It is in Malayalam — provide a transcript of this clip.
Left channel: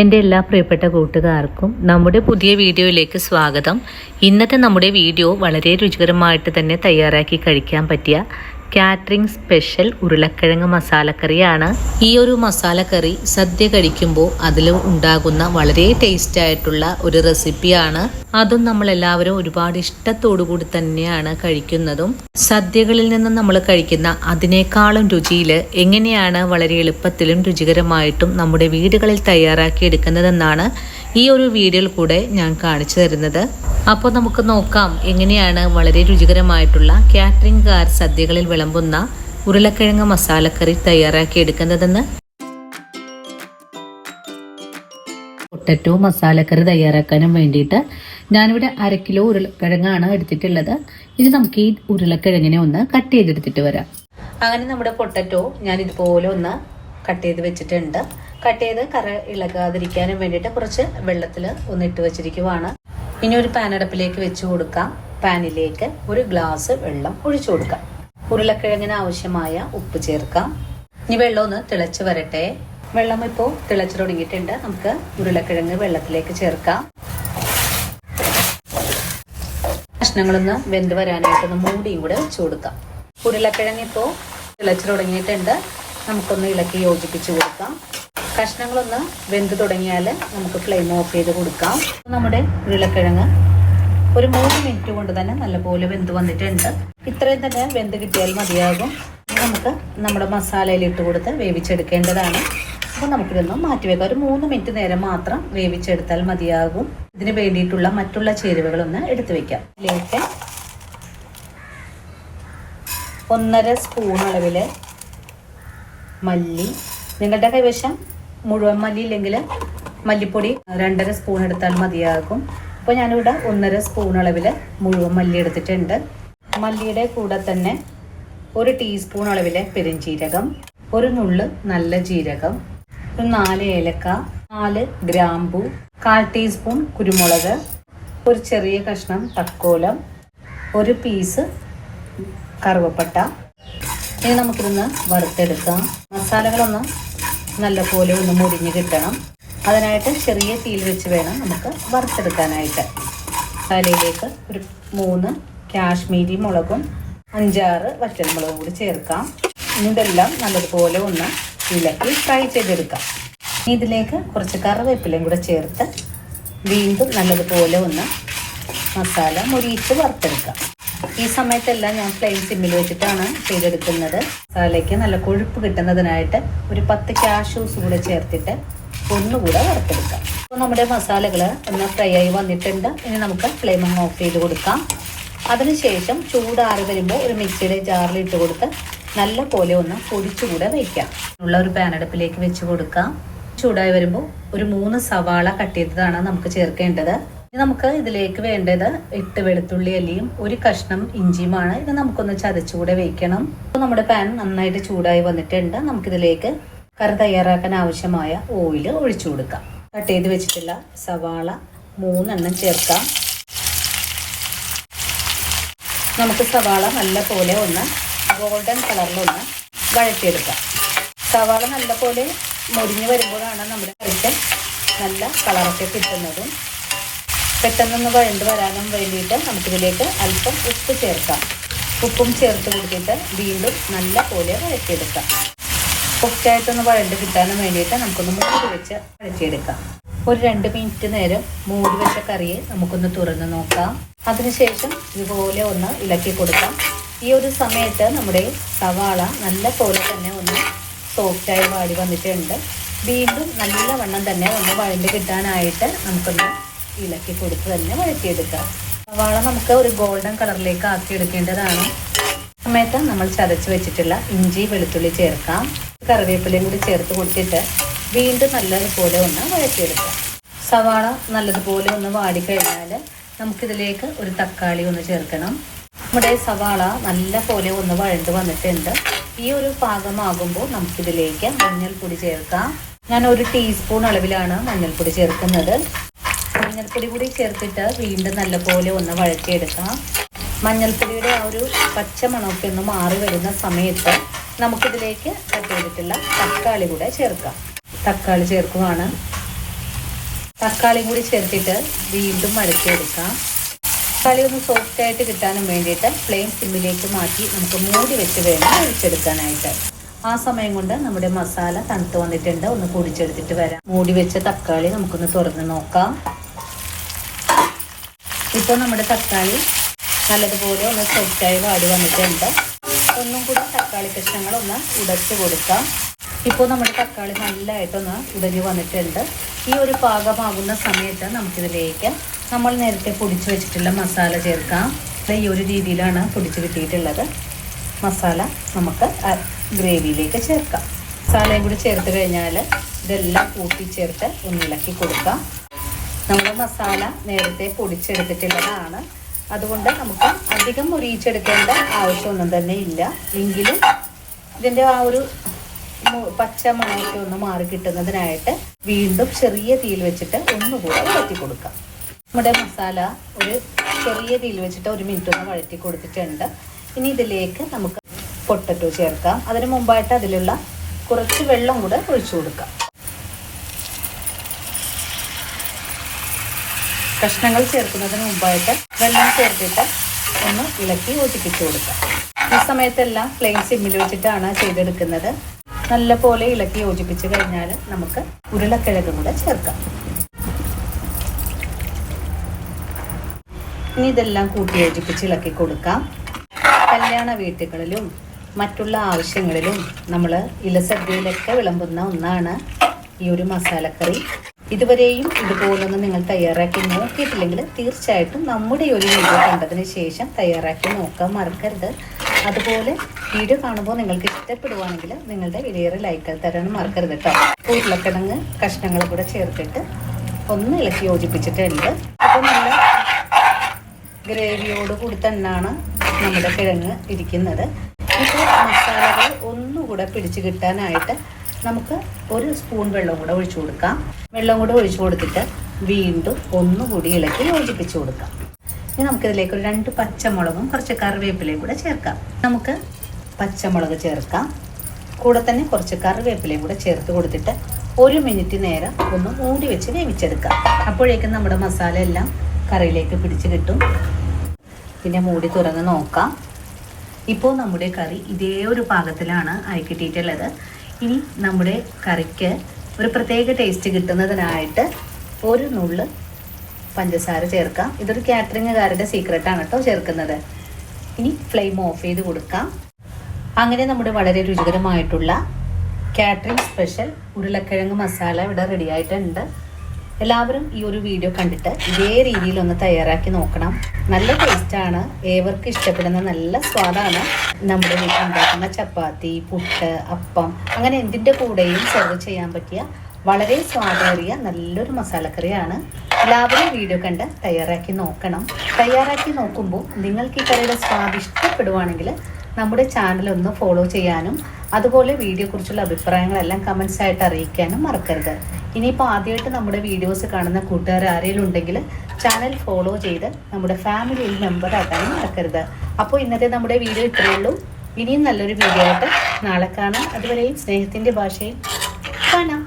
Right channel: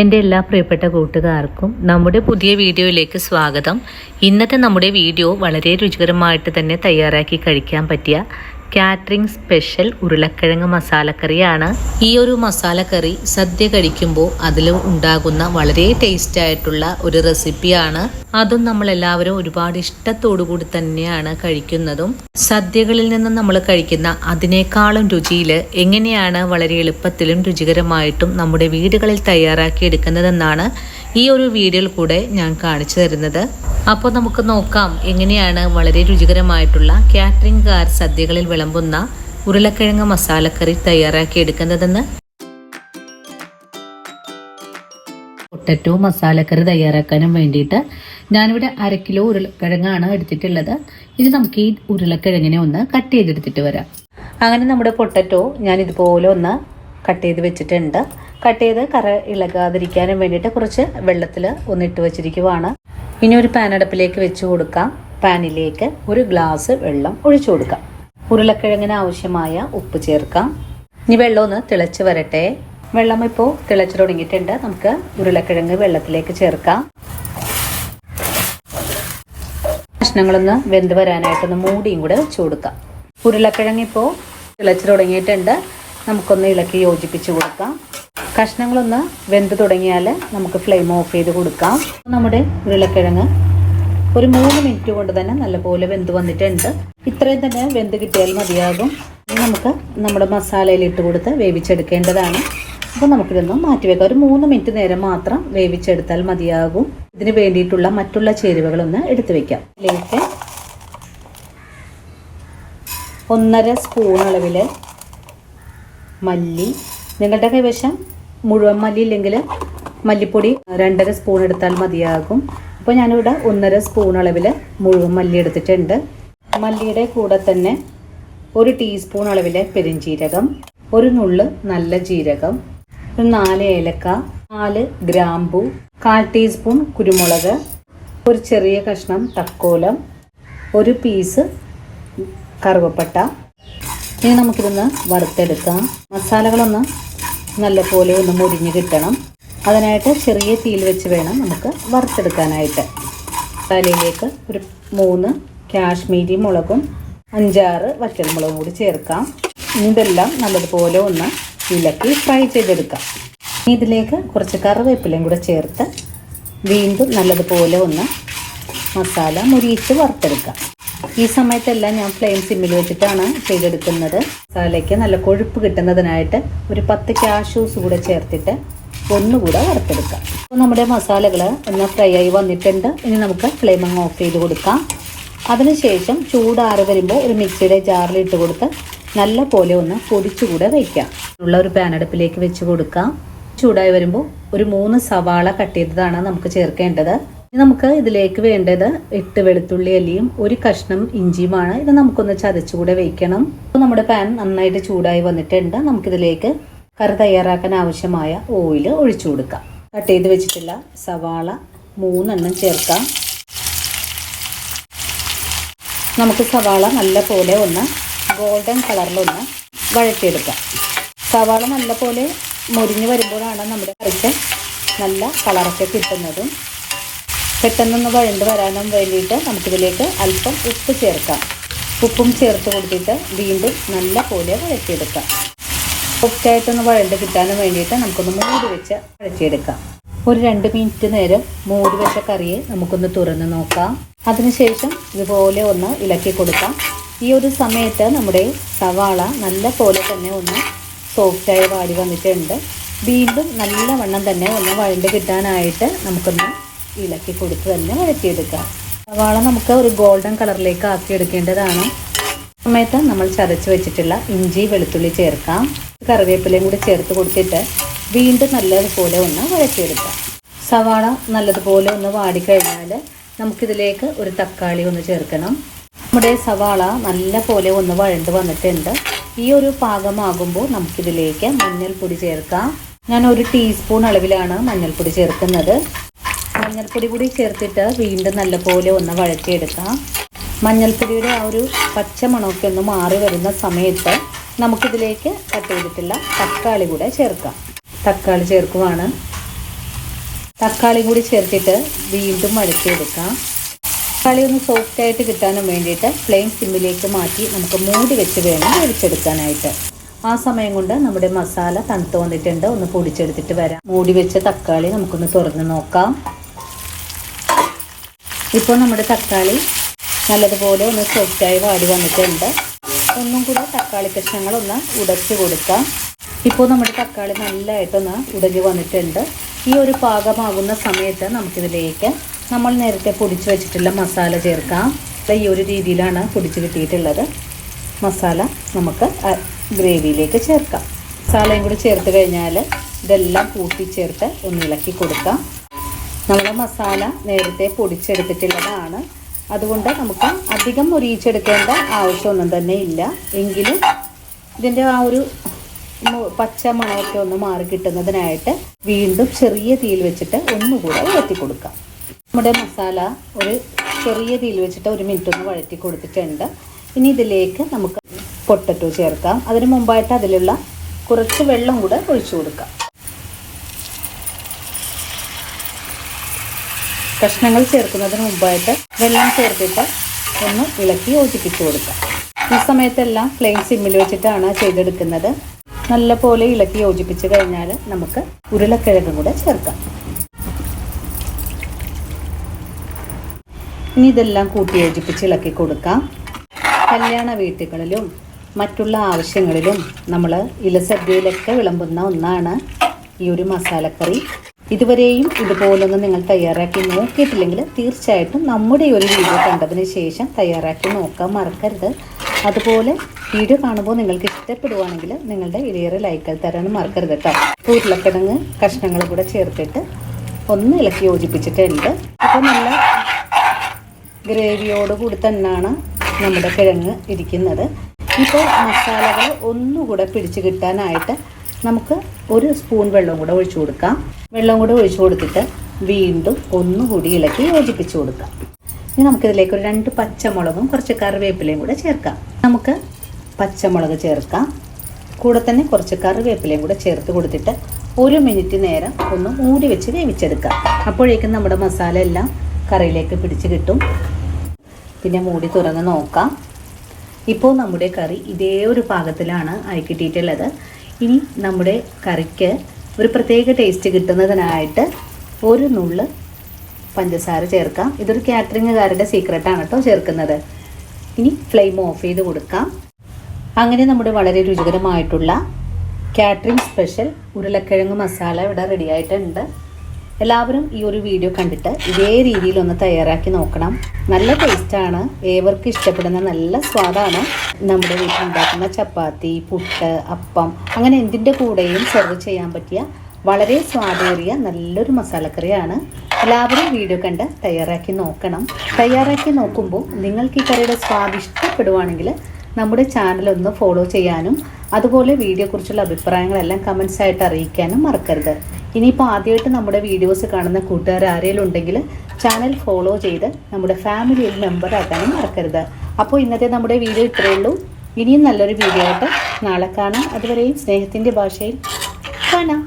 എൻ്റെ എല്ലാ പ്രിയപ്പെട്ട കൂട്ടുകാർക്കും നമ്മുടെ പുതിയ വീഡിയോയിലേക്ക് സ്വാഗതം. ഇന്നത്തെ നമ്മുടെ വീഡിയോ വളരെ രുചികരമായിട്ട് തന്നെ തയ്യാറാക്കി കഴിക്കാൻ പറ്റിയ കാറ്ററിംഗ് സ്പെഷ്യൽ ഉരുളക്കിഴങ്ങ് മസാലക്കറിയാണ്. ഈ ഒരു മസാലക്കറി സദ്യ കഴിക്കുമ്പോൾ അതിൽ ഉണ്ടാകുന്ന വളരെ ടേസ്റ്റ് ആയിട്ടുള്ള ഒരു റെസിപ്പിയാണ്. അതും നമ്മളെല്ലാവരും ഒരുപാട് ഇഷ്ടത്തോടു കൂടി തന്നെയാണ് കഴിക്കുന്നതും. സദ്യകളിൽ നിന്ന് നമ്മൾ കഴിക്കുന്ന അതിനേക്കാളും രുചിയിൽ എങ്ങനെയാണ് വളരെ എളുപ്പത്തിലും രുചികരമായിട്ടും നമ്മുടെ വീടുകളിൽ തയ്യാറാക്കി എടുക്കുന്നതെന്നാണ് ഈ ഒരു വീഡിയോയിൽ കൂടെ ഞാൻ കാണിച്ചു തരുന്നത്. അപ്പോൾ നമുക്ക് നോക്കാം എങ്ങനെയാണ് വളരെ രുചികരമായിട്ടുള്ള കാറ്ററിംഗുകാർ സദ്യകളിൽ വിളമ്പുന്ന ഉരുളക്കിഴങ്ങ് മസാലക്കറി തയ്യാറാക്കി എടുക്കുന്നതെന്ന്. പൊട്ടറ്റോ മസാലക്കറി തയ്യാറാക്കാനും വേണ്ടിയിട്ട് ഞാനിവിടെ 1/2 കിലോ ഉരുളക്കിഴങ്ങാണ് എടുത്തിട്ടുള്ളത്. ഇത് നമുക്ക് ഈ ഉരുളക്കിഴങ്ങിനെ ഒന്ന് കട്ട് ചെയ്തെടുത്തിട്ട് വരാം. അങ്ങനെ നമ്മുടെ പൊട്ടറ്റോ ഞാൻ ഇതുപോലെ ഒന്ന് കട്ട് ചെയ്ത് വെച്ചിട്ടുണ്ട്. കട്ട് ചെയ്ത് കറ ഇളകാതിരിക്കാനും വേണ്ടിയിട്ട് കുറച്ച് വെള്ളത്തിൽ ഒന്നിട്ട് വെച്ചിരിക്കുവാണ്. ഇനി ഒരു പാൻ അടുപ്പിലേക്ക് വെച്ച് കൊടുക്കാം. പാനിലേക്ക് 1 ഗ്ലാസ് വെള്ളം ഒഴിച്ചു കൊടുക്കാം. ഉരുളക്കിഴങ്ങിന് ആവശ്യമായ ഉപ്പ് ചേർക്കാം. ഇനി വെള്ളം ഒന്ന് തിളച്ച് വരട്ടെ. വെള്ളം ഇപ്പോൾ തിളച്ച് തുടങ്ങിയിട്ടുണ്ട്. നമുക്ക് ഉരുളക്കിഴങ്ങ് വെള്ളത്തിലേക്ക് ചേർക്കാം. കഷ്ണങ്ങളൊന്ന് വെന്ത് വരാനായിട്ടൊന്ന് മൂടിയും കൂടെ വെച്ച് കൊടുക്കാം. ഉരുളക്കിഴങ്ങ് ഇപ്പോൾ തിളച്ച് തുടങ്ങിയിട്ടുണ്ട്. നമുക്കൊന്ന് ഇളക്കി യോജിപ്പിച്ച് കൊടുക്കാം. കഷ്ണങ്ങളൊന്ന് വെന്ത് തുടങ്ങിയാൽ നമുക്ക് ഫ്ലെയിം ഓഫ് ചെയ്ത് കൊടുക്കാം. നമ്മുടെ ഉരുളക്കിഴങ്ങ് ഒരു 3 മിനിറ്റ് കൊണ്ട് തന്നെ നല്ലപോലെ വെന്ത് വന്നിട്ടുണ്ട്. ഇത്രയും തന്നെ വെന്ത് കിട്ടിയാൽ മതിയാകും. നമുക്ക് നമ്മുടെ മസാലയിൽ ഇട്ട് കൊടുത്ത് വേവിച്ചെടുക്കേണ്ടതാണ്. അപ്പോൾ നമുക്കിതൊന്ന് മാറ്റിവെക്കാം. ഒരു 3 മിനിറ്റ് നേരം മാത്രം വേവിച്ചെടുത്താൽ മതിയാകും. ഇതിന് വേണ്ടിയിട്ടുള്ള മറ്റുള്ള ചേരുവകളൊന്ന് എടുത്തു വെക്കാം. ഇതിലേക്ക് 1.5 സ്പൂൺ അളവിൽ മല്ലി, നിങ്ങളുടെ കൈവശം മുഴുവൻ മല്ലി ഇല്ലെങ്കിൽ മല്ലിപ്പൊടി 2.5 സ്പൂൺ എടുത്താൽ മതിയാകും. അപ്പോൾ ഞാനിവിടെ 1.5 സ്പൂൺ അളവിൽ മുഴുവൻ മല്ലി എടുത്തിട്ടുണ്ട്. മല്ലിയുടെ കൂടെ തന്നെ 1 ടീസ്പൂൺ അളവിൽ പെരുംജീരകം, 1 നുള്ള് നല്ല ജീരകം, 4 ഏലക്ക, 4 ഗ്രാമ്പു, 1/4 ടീസ്പൂൺ കുരുമുളക്, ഒരു ചെറിയ കഷ്ണം തക്കോലം, 1 പീസ് കറുവപ്പട്ട. ഇനി നമുക്കിതൊന്ന് വറുത്തെടുക്കാം. മസാലകളൊന്ന് നല്ലപോലെ ഒന്ന് മുരിഞ്ഞ് കിട്ടണം. അതിനായിട്ട് ചെറിയ തീയിൽ വെച്ച് വേണം നമുക്ക് വറുത്തെടുക്കാനായിട്ട്. മസാലയിലേക്ക് ഒരു 3 കാശ്മീരി മുളകും 5-6 വറ്റൽമുളകും കൂടി ചേർക്കാം. ഇതെല്ലാം നല്ലതുപോലെ ഒന്ന് ഇളക്കി ഫ്രൈ ചെയ്തെടുക്കാം. ഇതിലേക്ക് കുറച്ച് കറിവേപ്പിലയും കൂടെ ചേർത്ത് വീണ്ടും നല്ലതുപോലെ ഒന്ന് മസാല മുരിയിച്ച് വറുത്തെടുക്കാം. ഈ സമയത്തെല്ലാം ഞാൻ ഫ്ലെയിം സിമ്മിൽ വെച്ചിട്ടാണ് ചെയ്തെടുക്കുന്നത്. മസാലയ്ക്ക് നല്ല കൊഴുപ്പ് കിട്ടുന്നതിനായിട്ട് ഒരു 10 കാഷ്യൂസ് കൂടെ ചേർത്തിട്ട് ഒന്നുകൂടെ വറുത്തെടുക്കാം. അപ്പോൾ നമ്മുടെ മസാലകൾ ഒന്ന് ഫ്രൈ ആയി വന്നിട്ടുണ്ട്. ഇനി നമുക്ക് ഫ്ലെയിം ഓഫ് ചെയ്ത് കൊടുക്കാം. അതിനുശേഷം ചൂടാറി വരുമ്പോൾ ഒരു മിക്സിയുടെ ജാറിൽ ഇട്ട് കൊടുത്ത് നല്ല പോലെ ഒന്ന് പൊടിച്ചുകൂടെ വയ്ക്കാം. ഉള്ള ഒരു പാൻ അടുപ്പിലേക്ക് വെച്ച് കൊടുക്കാം. ചൂടായി വരുമ്പോൾ ഒരു 3 സവാള കട്ട് ചെയ്തതാണ് നമുക്ക് ചേർക്കേണ്ടത്. നമുക്ക് ഇതിലേക്ക് വേണ്ടത് 8 വെളുത്തുള്ളി അല്ലിയും 1 കഷ്ണം ഇഞ്ചിയുമാണ്. ഇത് നമുക്കൊന്ന് ചതച്ചുകൂടെ വയ്ക്കണം. നമ്മുടെ പാൻ നന്നായിട്ട് ചൂടായി വന്നിട്ടുണ്ട്. നമുക്കിതിലേക്ക് കറി തയ്യാറാക്കാൻ ആവശ്യമായ ഓയിൽ ഒഴിച്ചു കൊടുക്കാം. കട്ട് ചെയ്ത് വെച്ചിട്ടുള്ള സവാള 3 എണ്ണം ചേർക്കാം. നമുക്ക് സവാള നല്ല പോലെ ഒന്ന് ഗോൾഡൻ കളറിലൊന്ന് വഴറ്റിയെടുക്കാം. സവാള നല്ല പോലെ മുരിഞ്ഞ് വരുമ്പോഴാണ് നമ്മുടെ കറിക്ക് നല്ല കളറൊക്കെ കിട്ടുന്നത്. പെട്ടെന്നൊന്ന് വഴണ്ട് വരാനും വേണ്ടിയിട്ട് നമുക്കിതിലേക്ക് അല്പം ഉപ്പ് ചേർക്കാം. ഉപ്പും ചേർത്ത് കൊടുത്തിട്ട് വീണ്ടും നല്ല പോലെ വഴറ്റിയെടുക്കാം. ഉപ്പായിട്ടൊന്ന് വഴണ്ട് കിട്ടാനും വേണ്ടിയിട്ട് നമുക്കൊന്ന് മൂടി വെച്ച് വഴറ്റിയെടുക്കാം. ഒരു 2 മിനിറ്റ് നേരം മൂടി വെച്ച കറിയെ നമുക്കൊന്ന് തുറന്ന് നോക്കാം. അതിനുശേഷം ഇതുപോലെ ഒന്ന് ഇളക്കി കൊടുക്കാം. ഈ ഒരു സമയത്ത് നമ്മുടെ സവാള നല്ല പോലെ തന്നെ ഒന്ന് സോഫ്റ്റായി വാടി വന്നിട്ടുണ്ട്. വീണ്ടും നല്ലവണ്ണം തന്നെ ഒന്ന് വഴണ്ട് കിട്ടാനായിട്ട് നമുക്കൊന്ന് ഇളക്കി കൊടുത്ത് തന്നെ വഴറ്റിയെടുക്കാം. സവാള നമുക്ക് ഒരു ഗോൾഡൻ കളറിലേക്ക് ആക്കിയെടുക്കേണ്ടതാണ്. സമയത്ത് നമ്മൾ ചതച്ച് വെച്ചിട്ടുള്ള ഇഞ്ചി വെളുത്തുള്ളി ചേർക്കാം. കറിവേപ്പിലയും കൂടി ചേർത്ത് കൊടുത്തിട്ട് വീണ്ടും നല്ലതുപോലെ ഒന്ന് വഴറ്റിയെടുക്കാം. സവാള നല്ലതുപോലെ ഒന്ന് വാടിക്കഴിഞ്ഞാൽ നമുക്കിതിലേക്ക് ഒരു തക്കാളി ഒന്ന് ചേർക്കണം. നമ്മുടെ സവാള നല്ല പോലെ ഒന്ന് വഴണ്ട് വന്നിട്ടുണ്ട്. ഈ ഒരു പാകമാകുമ്പോൾ നമുക്കിതിലേക്ക് മഞ്ഞൾപ്പൊടി ചേർക്കാം. ഞാൻ 1 ടീസ്പൂൺ അളവിലാണ് മഞ്ഞൾപ്പൊടി ചേർക്കുന്നത്. മഞ്ഞൾപ്പൊടി കൂടി ചേർത്തിട്ട് വീണ്ടും നല്ലപോലെ ഒന്ന് വഴറ്റിയെടുക്കാം. മഞ്ഞൾപ്പൊടിയുടെ ആ ഒരു പച്ച മണമൊക്കെ ഒന്ന് മാറി വരുന്ന സമയത്ത് നമുക്കിതിലേക്ക് കട്ട് ചെയ്തിട്ടുള്ള തക്കാളി കൂടെ ചേർക്കാം. തക്കാളി ചേർക്കുവാണ്. തക്കാളി കൂടി ചേർത്തിട്ട് വീണ്ടും വഴറ്റിയെടുക്കാം. തക്കാളി ഒന്ന് സോഫ്റ്റ് ആയിട്ട് കിട്ടാനും വേണ്ടിയിട്ട് ഫ്ലെയിം സിമ്മിലേക്ക് മാറ്റി നമുക്ക് മൂടി വെച്ച് വേണം പൊടിച്ചെടുക്കാനായിട്ട്. ആ സമയം കൊണ്ട് നമ്മുടെ മസാല തണുത്ത് വന്നിട്ടുണ്ട്. ഒന്ന് പൊടിച്ചെടുത്തിട്ട് വരാം. മൂടി വെച്ച തക്കാളി നമുക്കൊന്ന് തുറന്ന് നോക്കാം. ഇപ്പോൾ നമ്മുടെ തക്കാളി നല്ലതുപോലെ ഒന്ന് സോഫ്റ്റായി വാടി വന്നിട്ടുണ്ട്. ഒന്നും കൂടി തക്കാളി കഷ്ണങ്ങളൊന്ന് ഉടച്ച് കൊടുക്കാം. ഇപ്പോൾ നമ്മുടെ തക്കാളി നല്ലതായിട്ടൊന്ന് ഉടഞ്ഞ് വന്നിട്ടുണ്ട്. ഈ ഒരു പാകമാകുന്ന സമയത്ത് നമുക്കിതിലേക്ക് നമ്മൾ നേരത്തെ പൊടിച്ച് വെച്ചിട്ടുള്ള മസാല ചേർക്കാം. ഈ ഒരു രീതിയിലാണ് പൊടിച്ച് കിട്ടിയിട്ടുള്ളത്. മസാല നമുക്ക് ഗ്രേവിയിലേക്ക് ചേർക്കാം. മസാലയും കൂടി ചേർത്ത് കഴിഞ്ഞാൽ ഇതെല്ലാം കൂട്ടിച്ചേർത്ത് ഒന്നിളക്കി കൊടുക്കാം. നമ്മുടെ മസാല നേരത്തെ പൊടിച്ചെടുത്തിട്ടുള്ളതാണ്. അതുകൊണ്ട് നമുക്ക് അധികം മുരിയിച്ചെടുക്കേണ്ട ആവശ്യമൊന്നും തന്നെ ഇല്ല. എങ്കിലും ഇതിൻ്റെ ആ ഒരു പച്ച മണമൊക്കെ ഒന്ന് മാറി കിട്ടുന്നതിനായിട്ട് വീണ്ടും ചെറിയ തീയിൽ വെച്ചിട്ട് ഒന്നുകൂടെ വഴറ്റി കൊടുക്കാം. നമ്മുടെ മസാല ഒരു ചെറിയ തീയിൽ വെച്ചിട്ട് 1 മിനിറ്റ് ഒന്ന് വഴറ്റി കൊടുത്തിട്ടുണ്ട്. ഇനി ഇതിലേക്ക് നമുക്ക് പൊട്ടറ്റോ ചേർക്കാം. അതിന് മുമ്പായിട്ട് അതിലുള്ള കുറച്ച് വെള്ളം കൂടെ ഒഴിച്ചു കൊടുക്കാം. കഷ്ണങ്ങൾ ചേർക്കുന്നതിന് മുമ്പായിട്ട് വെള്ളം ചേർത്തിട്ട് ഒന്ന് ഇളക്കി യോജിപ്പിച്ച് കൊടുക്കാം. ഈ സമയത്തെല്ലാം ഫ്ലെയിം സിമ്മിൽ വെച്ചിട്ടാണ് ചെയ്തെടുക്കുന്നത്. നല്ലപോലെ ഇളക്കി യോജിപ്പിച്ച് കഴിഞ്ഞാൽ നമുക്ക് ഉരുളക്കിഴങ്ങ് കൂടെ ചേർക്കാം. ഇനി ഇതെല്ലാം കൂട്ടി യോജിപ്പിച്ച് ഇളക്കി കൊടുക്കാം. കല്യാണ വീട്ടുകളിലും മറ്റുള്ള ആവശ്യങ്ങളിലും നമ്മൾ ഇലസദ്യയിലൊക്കെ വിളമ്പുന്ന ഒന്നാണ് ഈ ഒരു മസാലക്കറി. ഇതുവരെയും ഇതുപോലൊന്നും നിങ്ങൾ തയ്യാറാക്കി നോക്കിയിട്ടില്ലെങ്കിൽ തീർച്ചയായിട്ടും നമ്മുടെ ഒരു വീഡിയോ കണ്ടതിന് ശേഷം തയ്യാറാക്കി നോക്കാൻ മറക്കരുത്. അതുപോലെ വീഡിയോ കാണുമ്പോൾ നിങ്ങൾക്ക് ഇഷ്ടപ്പെടുകയാണെങ്കിൽ നിങ്ങളുടെ വലിയൊരു ലൈക്ക് തരാനും മറക്കരുത് കേട്ടോ. ഉരുളക്കിഴങ്ങ് കഷ്ണങ്ങൾ കൂടെ ചേർത്തിട്ട് ഒന്ന് ഇളക്കി യോജിപ്പിച്ചിട്ടുണ്ട്. അപ്പം നല്ല ഗ്രേവിയോട് കൂടി തന്നെയാണ് നമ്മുടെ കിഴങ്ങ് ഇരിക്കുന്നത്. ഇപ്പോൾ മസാലകൾ ഒന്നുകൂടെ പിടിച്ച് കിട്ടാനായിട്ട് നമുക്ക് 1 സ്പൂൺ വെള്ളം കൂടെ ഒഴിച്ചു കൊടുക്കാം. വെള്ളം കൂടെ ഒഴിച്ചു കൊടുത്തിട്ട് വീണ്ടും ഒന്നുകൂടി ഇളക്കി യോജിപ്പിച്ച് കൊടുക്കാം. ഇനി നമുക്കിതിലേക്ക് ഒരു 2 പച്ചമുളകും കുറച്ച് കറിവേപ്പിലയും കൂടെ ചേർക്കാം. നമുക്ക് പച്ചമുളക് ചേർക്കാം. കൂടെ തന്നെ കുറച്ച് കറിവേപ്പിലയും കൂടെ ചേർത്ത് കൊടുത്തിട്ട് 1 മിനിറ്റ് നേരം ഒന്ന് മൂടി വെച്ച് വേവിച്ചെടുക്കാം. അപ്പോഴേക്കും നമ്മുടെ മസാല എല്ലാം കറിയിലേക്ക് പിടിച്ച് കിട്ടും. പിന്നെ മൂടി തുറന്ന് നോക്കാം. ഇപ്പോൾ നമ്മുടെ കറി ഇതേ ഒരു പാകത്തിലാണ് ആയി കിട്ടിയിട്ടുള്ളത്. ഇനി നമ്മുടെ കറിക്ക് ഒരു പ്രത്യേക ടേസ്റ്റ് കിട്ടുന്നതിനായിട്ട് 1 നുള്ള് പഞ്ചസാര ചേർക്കാം. ഇതൊരു കാറ്ററിംഗുകാരുടെ സീക്രട്ടാണ് കേട്ടോ ചേർക്കുന്നത്. ഇനി ഫ്ലെയിം ഓഫ് ചെയ്ത് കൊടുക്കാം. അങ്ങനെ നമ്മുടെ വളരെ രുചികരമായിട്ടുള്ള കാറ്ററിംഗ് സ്പെഷ്യൽ ഉരുളക്കിഴങ്ങ് മസാല ഇവിടെ റെഡി ആയിട്ടുണ്ട്. എല്ലാവരും ഈ ഒരു വീഡിയോ കണ്ടിട്ട് ഇതേ രീതിയിലൊന്ന് തയ്യാറാക്കി നോക്കണം. നല്ല ടേസ്റ്റാണ്. ഏവർക്കും ഇഷ്ടപ്പെടുന്ന നല്ല സ്വാദാണ്. നമ്മുടെ വീട്ടിലുണ്ടാക്കുന്ന ചപ്പാത്തി, പുട്ട്, അപ്പം അങ്ങനെ എന്തിൻ്റെ കൂടെയും സെർവ് ചെയ്യാൻ പറ്റിയ വളരെ സ്വാദേറിയ നല്ലൊരു മസാലക്കറിയാണ്. എല്ലാവരും വീഡിയോ കണ്ട് തയ്യാറാക്കി നോക്കണം. തയ്യാറാക്കി നോക്കുമ്പോൾ നിങ്ങൾക്ക് ഈ കറിയുടെ സ്വാദ് ഇഷ്ടപ്പെടുവാണെങ്കിൽ നമ്മുടെ ചാനൽ ഒന്ന് ഫോളോ ചെയ്യാനും അതുപോലെ വീഡിയോയെക്കുറിച്ചുള്ള അഭിപ്രായങ്ങളെല്ലാം കമൻസ് ആയിട്ട് അറിയിക്കാനും മറക്കരുത്. ഇനിയിപ്പോൾ ആദ്യമായിട്ട് നമ്മുടെ വീഡിയോസ് കാണുന്ന കൂട്ടുകാർ ആരെങ്കിലും ഉണ്ടെങ്കിൽ ചാനൽ ഫോളോ ചെയ്ത് നമ്മുടെ ഫാമിലിയിൽ മെമ്പർ ആക്കാനും മറക്കരുത്. അപ്പോൾ ഇന്നത്തെ നമ്മുടെ വീഡിയോ ഇത്രയേ ഉള്ളൂ. ഇനിയും നല്ലൊരു വീഡിയോ ആയിട്ട് നാളെ കാണാം. അതുവരെയും സ്നേഹത്തിൻ്റെ ഭാഷയിൽ കാണാം.